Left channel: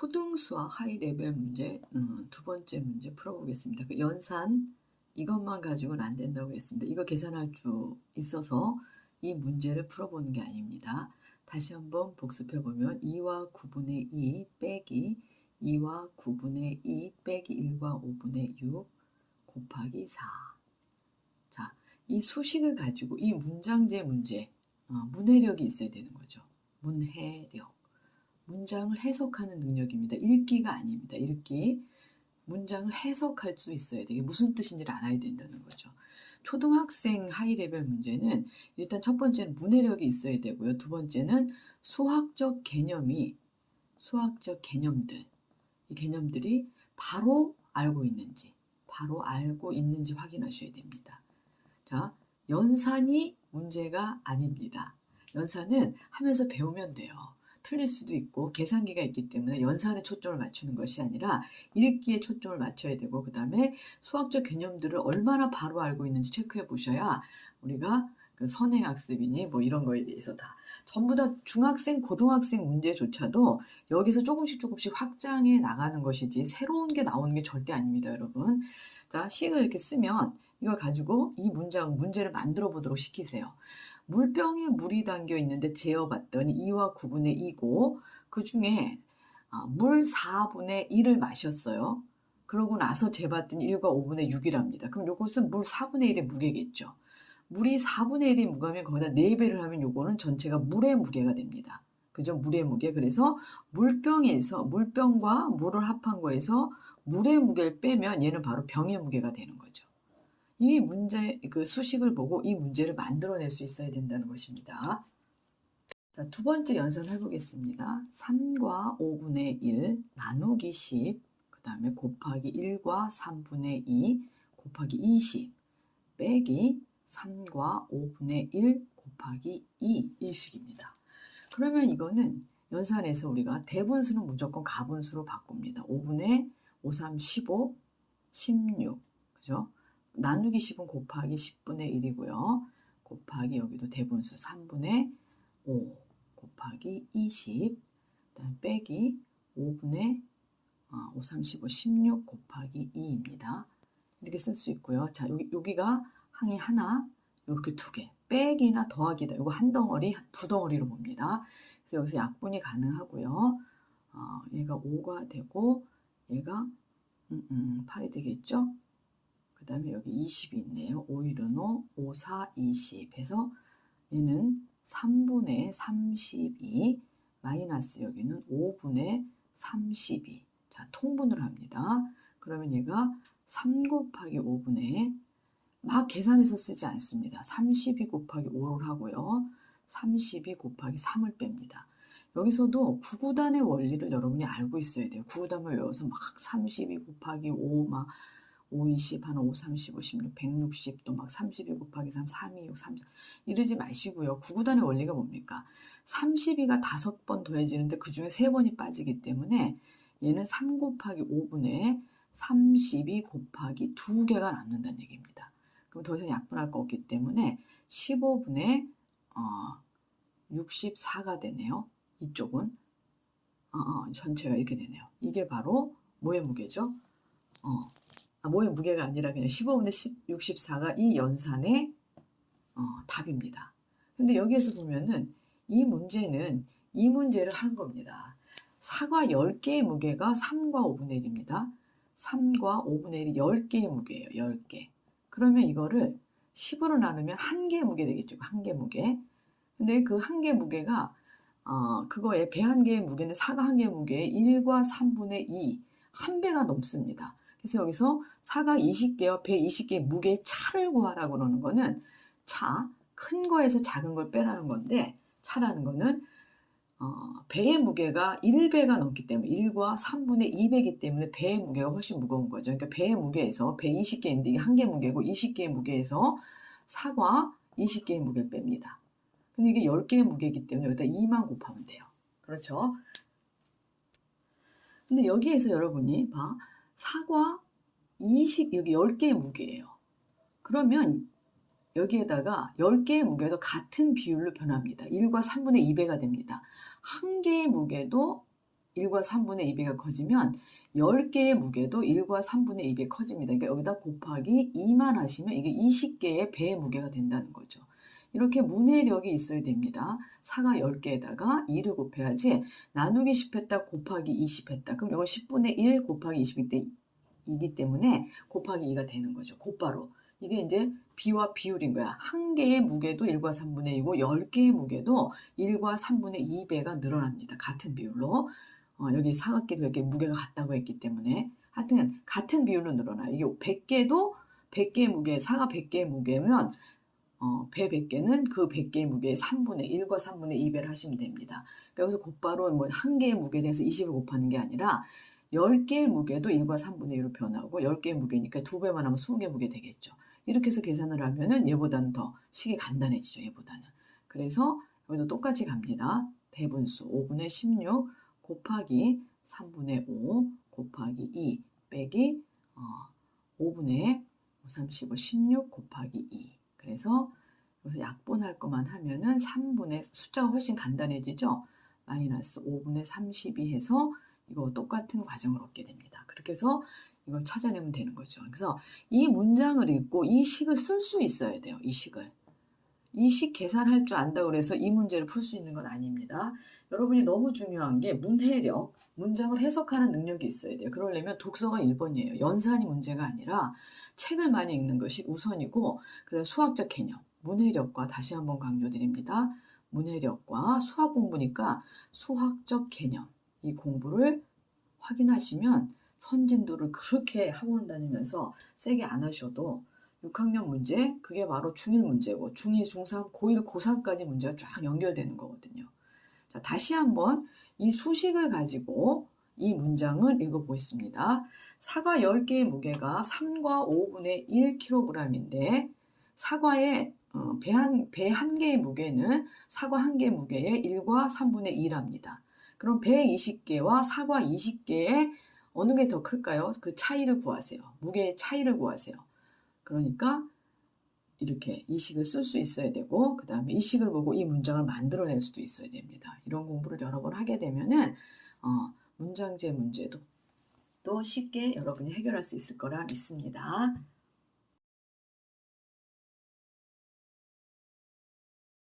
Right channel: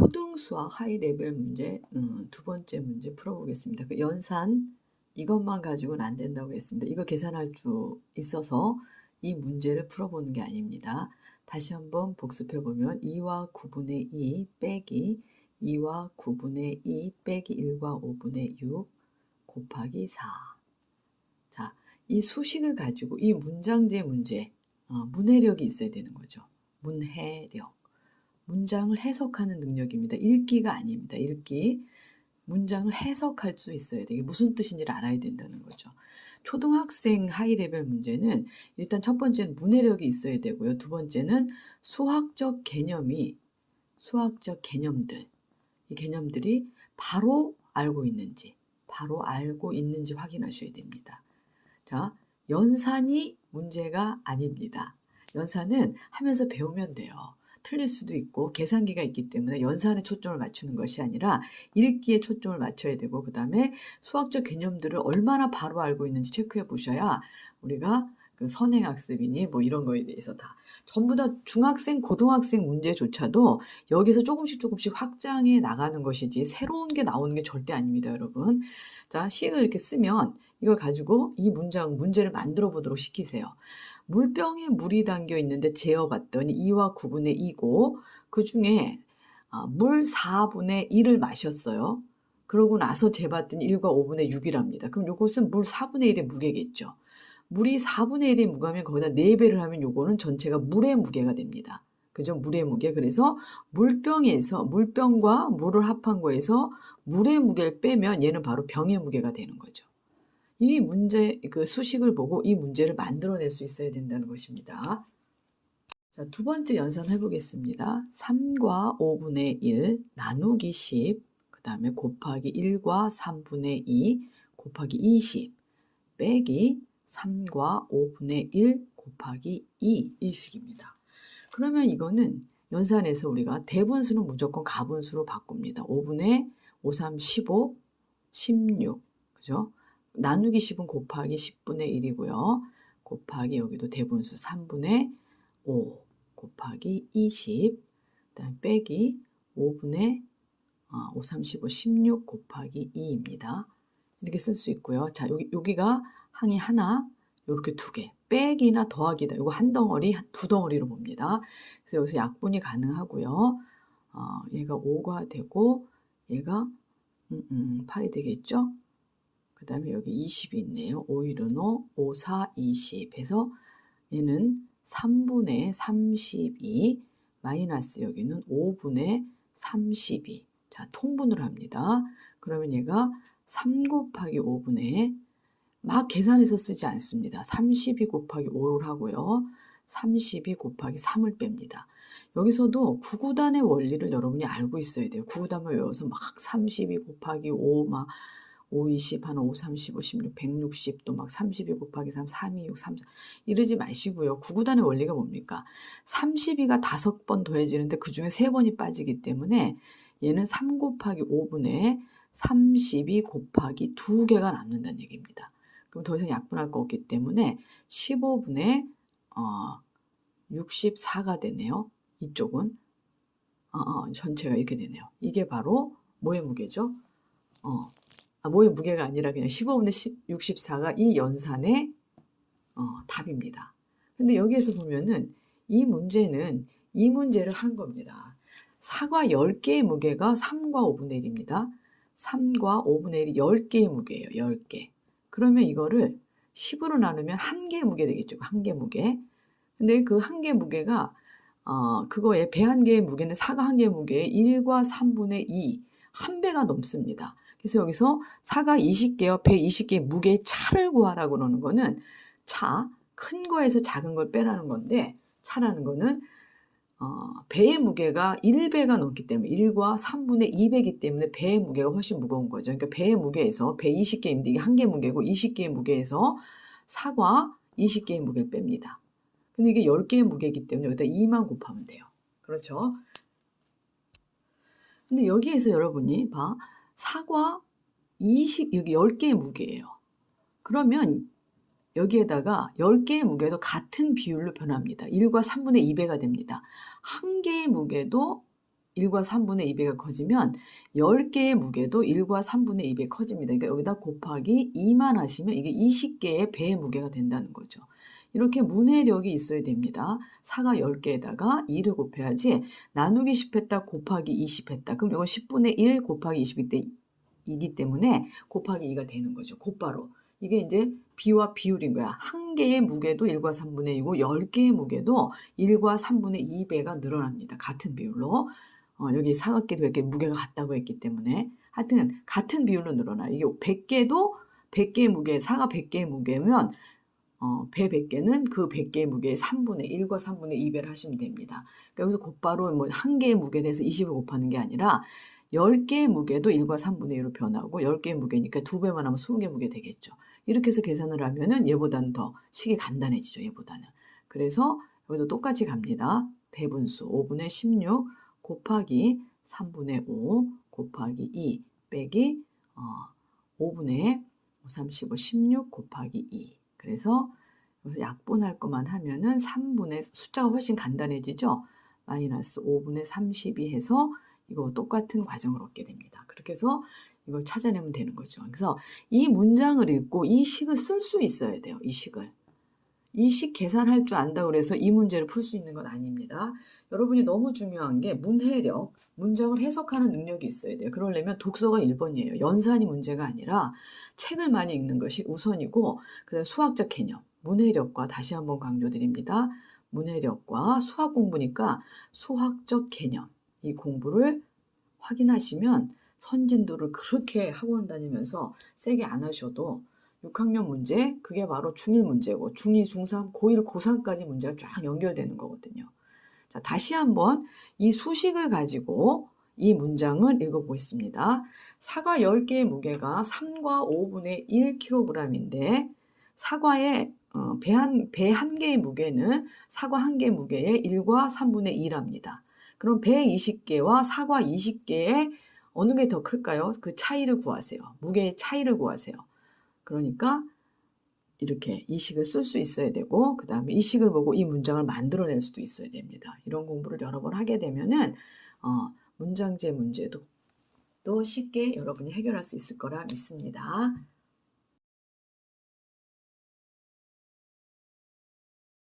초등수학 하이레벨 문제 두 번째 문제 풀어보겠습니다. 그 연산 이것만 가지고는 안 된다고 했습니다. 이거 계산할 수 있어서 이 문제를 풀어보는 게 아닙니다. 다시 한번 복습해보면 2와 9분의 2 빼기 2와 9분의 2 빼기 1과 5분의 6 곱하기 4. 자, 이 수식을 가지고 이 문장제 문제, 문해력이 있어야 되는 거죠. 문해력. 문장을 해석하는 능력입니다. 읽기가 아닙니다. 읽기. 문장을 해석할 수 있어야 돼요. 무슨 뜻인지를 알아야 된다는 거죠. 초등학생 하이레벨 문제는 일단 첫 번째는 문해력이 있어야 되고요. 두 번째는 수학적 개념들, 이 개념들이 바로 알고 있는지 확인하셔야 됩니다. 자, 연산이 문제가 아닙니다. 연산은 하면서 배우면 돼요. 틀릴 수도 있고 계산기가 있기 때문에 연산에 초점을 맞추는 것이 아니라 읽기에 초점을 맞춰야 되고, 그 다음에 수학적 개념들을 얼마나 바로 알고 있는지 체크해 보셔야 우리가 그 선행학습이니 뭐 이런 거에 대해서 다 전부 다 중학생, 고등학생 문제조차도 여기서 조금씩 확장해 나가는 것이지 새로운 게 나오는 게 절대 아닙니다, 여러분. 자, 식을 이렇게 쓰면 이걸 가지고 이 문제를 만들어 보도록 시키세요. 물병에 물이 담겨 있는데 재어봤더니 2와 9분의 2고 그 중에 물 4분의 1을 마셨어요. 그러고 나서 재봤더니 1과 5분의 6이랍니다. 그럼 이것은 물 4분의 1의 무게겠죠. 물이 4분의 1의 무게면 거기다 4배를 하면 요거는 전체가 물의 무게가 됩니다. 그죠? 물의 무게. 그래서 물병과 물을 합한 거에서 물의 무게를 빼면 얘는 바로 병의 무게가 되는 거죠. 이 문제, 그 수식을 보고 이 문제를 만들어낼 수 있어야 된다는 것입니다. 자, 두 번째 연산 해보겠습니다. 3과 5분의 1 나누기 10, 그 다음에 곱하기 1과 3분의 2 곱하기 20 빼기 3과 5분의 1 곱하기 2 이 식입니다. 그러면 이거는 연산에서 우리가 대분수는 무조건 가분수로 바꿉니다. 5분의 5, 3, 15, 16, 그죠? 나누기 10은 곱하기 10분의 1이고요. 곱하기 여기도 대분수 3분의 5 곱하기 20, 그다음 빼기 5분의 5, 3, 15, 16 곱하기 2입니다. 이렇게 쓸 수 있고요. 자, 여기가 항이 하나, 이렇게 두 개, 빼기나 더하기다. 이거 한 덩어리, 두 덩어리로 봅니다. 그래서 여기서 약분이 가능하고요. 얘가 5가 되고 얘가 8이 되겠죠? 그 다음에 여기 20이 있네요. 5, 1은 5, 5, 4, 20 해서 얘는 3분의 32 마이너스 여기는 5분의 32. 자, 통분을 합니다. 그러면 얘가 3 곱하기 5분의 막 계산해서 쓰지 않습니다. 32 곱하기 5를 하고요. 32 곱하기 3을 뺍니다. 여기서도 구구단의 원리를 여러분이 알고 있어야 돼요. 구구단을 외워서 막 32 곱하기 5, 막 5, 20, 한 5, 35, 16, 160, 또 막 32 곱하기 3, 3, 2, 6, 3, 4 이러지 마시고요. 구구단의 원리가 뭡니까? 32가 5번 더해지는데 그 중에 3번이 빠지기 때문에 얘는 3 곱하기 5분의 32 곱하기 2개가 남는다는 얘기입니다. 그럼 더 이상 약분할 거 없기 때문에 15분의 64가 되네요. 이쪽은 전체가 이렇게 되네요. 이게 바로 뭐의 무게죠? 뭐의 무게가 아니라 그냥 15분의 64가 이 연산의 답입니다. 근데 여기에서 보면은 이 문제는 이 문제를 한 겁니다. 사과 10개의 무게가 3과 5분의 1입니다. 3과 5분의 1이 10개의 무게예요. 10개. 그러면 이거를 10으로 나누면 1개의 무게 되겠죠. 1개 무게. 근데 그 1개 무게가 그거에 배 1개의 무게는 사과 1개의 무게의 1과 3분의 2, 1배가 넘습니다. 그래서 여기서 사과 20개와 배 20개의 무게의 차를 구하라고 그러는 거는 큰 거에서 작은 걸 빼라는 건데, 차라는 거는 배의 무게가 1배가 넘기 때문에 1과 3분의 2배이기 때문에 배의 무게가 훨씬 무거운 거죠. 그러니까 배의 무게에서 배 20개인데 이게 1개 무게고 20개의 무게에서 사과 20개의 무게를 뺍니다. 근데 이게 10개의 무게이기 때문에 여기다 2만 곱하면 돼요. 그렇죠? 근데 여기에서 여러분이 사과 20, 여기 10개의 무게예요. 그러면 여기에다가 10개의 무게도 같은 비율로 변합니다. 1과 3분의 2배가 됩니다. 1개의 무게도 1과 3분의 2배가 커지면 10개의 무게도 1과 3분의 2배 커집니다. 그러니까 여기다 곱하기 2만 하시면 이게 20개의 배의 무게가 된다는 거죠. 이렇게 문해력이 있어야 됩니다. 4가 10개에다가 2를 곱해야지 나누기 10 했다 곱하기 20 했다. 그럼 이건 10분의 1 곱하기 20이기 때문에 곱하기 2가 되는 거죠. 곧바로. 이게 이제 비와 비율인 거야. 한 개의 무게도 1과 3분의 2고 10개의 무게도 1과 3분의 2배가 늘어납니다. 같은 비율로. 여기 사각끼리 이렇게 무게가 같다고 했기 때문에 하여튼 같은 비율로 늘어나요. 이게 100개도 100개의 무게, 4가 100개의 무게면 배 100개는 그 100개의 무게의 3분의 1과 3분의 2배를 하시면 됩니다. 그러니까 여기서 곧바로 뭐 한 개의 무게에 대해서 20을 곱하는 게 아니라 10개의 무게도 1과 3분의 1로 변하고 10개의 무게니까 2배만 하면 20개 무게 되겠죠. 이렇게 해서 계산을 하면은 얘보다는 더 식이 간단해지죠. 얘보다는. 그래서 여기도 똑같이 갑니다. 대분수 5분의 16 곱하기 3분의 5 곱하기 2 빼기 5분의 35 16 곱하기 2. 그래서 여기서 약분할 것만 하면은 3분의 숫자가 훨씬 간단해지죠. 마이너스 5분의 32 해서 이거 똑같은 과정을 얻게 됩니다. 그렇게 해서 이걸 찾아내면 되는 거죠. 그래서 이 문장을 읽고 이 식을 쓸 수 있어야 돼요. 이 식을. 이 식 계산할 줄 안다고 그래서 이 문제를 풀 수 있는 건 아닙니다. 여러분이 너무 중요한 게 문해력, 문장을 해석하는 능력이 있어야 돼요. 그러려면 독서가 1번이에요. 연산이 문제가 아니라 책을 많이 읽는 것이 우선이고 그다음 수학적 개념, 문해력과 다시 한번 강조드립니다. 문해력과 수학 공부니까 수학적 개념, 이 공부를 확인하시면 선진도를 그렇게 학원 다니면서 세게 안 하셔도 6학년 문제, 그게 바로 중1 문제고 중2, 중3, 고1, 고3까지 문제가 쫙 연결되는 거거든요. 자, 다시 한번 이 수식을 가지고 이 문장을 읽어보겠습니다. 사과 10개의 무게가 3과 5분의 1kg인데 사과의 배 한 개의 무게는 사과 한 개의 무게의 1과 3분의 2랍니다. 그럼 배 20개와 사과 20개의 어느 게 더 클까요? 그 차이를 구하세요. 무게의 차이를 구하세요. 그러니까 이렇게 이 식을 쓸 수 있어야 되고 그 다음에 이 식을 보고 이 문장을 만들어낼 수도 있어야 됩니다. 이런 공부를 여러 번 하게 되면은 문장제 문제도 또 쉽게 여러분이 해결할 수 있을 거라 믿습니다.